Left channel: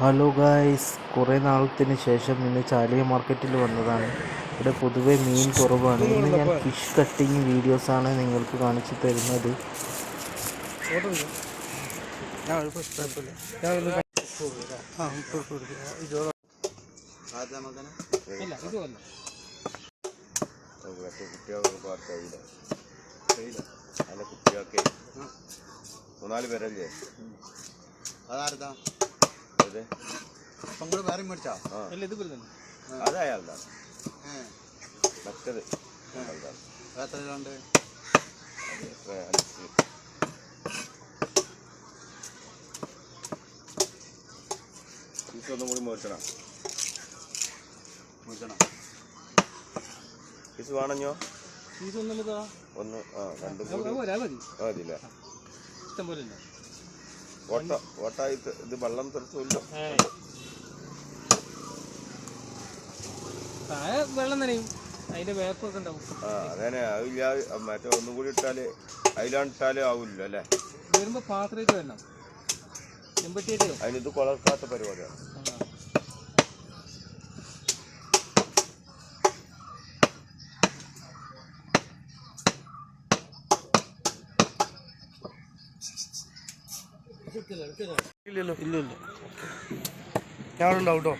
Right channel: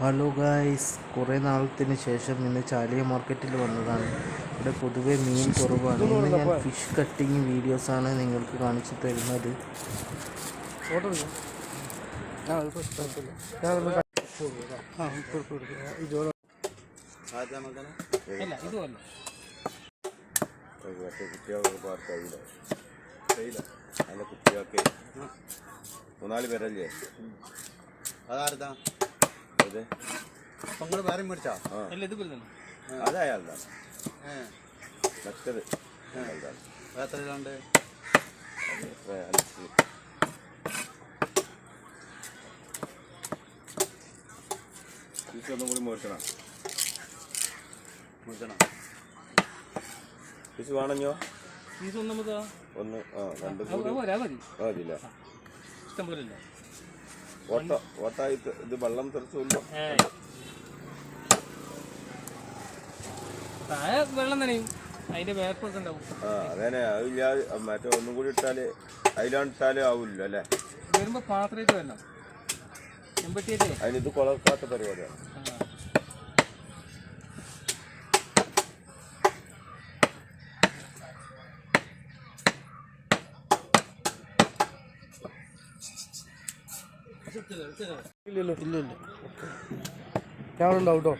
Hello guys, കുറേ നാളത്തിന് ശേഷം ഇന്ന് ചാലിയ മാർക്കറ്റിൽ വന്നതാണ്. ഇവിടെ പൊതുവെ മീൻ കുറവാണ്. ഇന്ന് ഞാൻ ഫിഷ് കട്ടിങ് വീഡിയോസാണ് നിങ്ങൾക്ക് കാണിച്ചു തരുന്നത്. മൂന്നാല് പേരല്ലേ അതാരതാ നിങ്ങൾ വേറെ മേടിച്ചാ അത് അയാളുടെ മറ്റത് എത്രയുണ്ട് ഒന്നും കൂടി മേടിക്കണം പീസ് വേണഞ്ഞോ ഒന്ന് മതില്ലേ ഓട്ടായിട്ട് ഇത് വെള്ളം തെറിച്ചില്ല വെള്ളം നനയും അതിന്റെ വേപ്പൊക്കെ ഉണ്ടാവും. അതന്നെ അതില്ല മറ്റേ ഒന്നും കൂടി ഇട്ടാല് അതിലാണ്ടിട്ടാലും ആവില്ല അല്ലേ. വരുമ്പോ പാത്രമായിട്ട് വരണം. അതിനിത് കൊളർക്കാത്ത പരിപാടിയാണ്. ഇല്ലല്ലോ ഇല്ലല്ലോ, ഞാൻ ഉണ്ടാവും കേട്ടോ.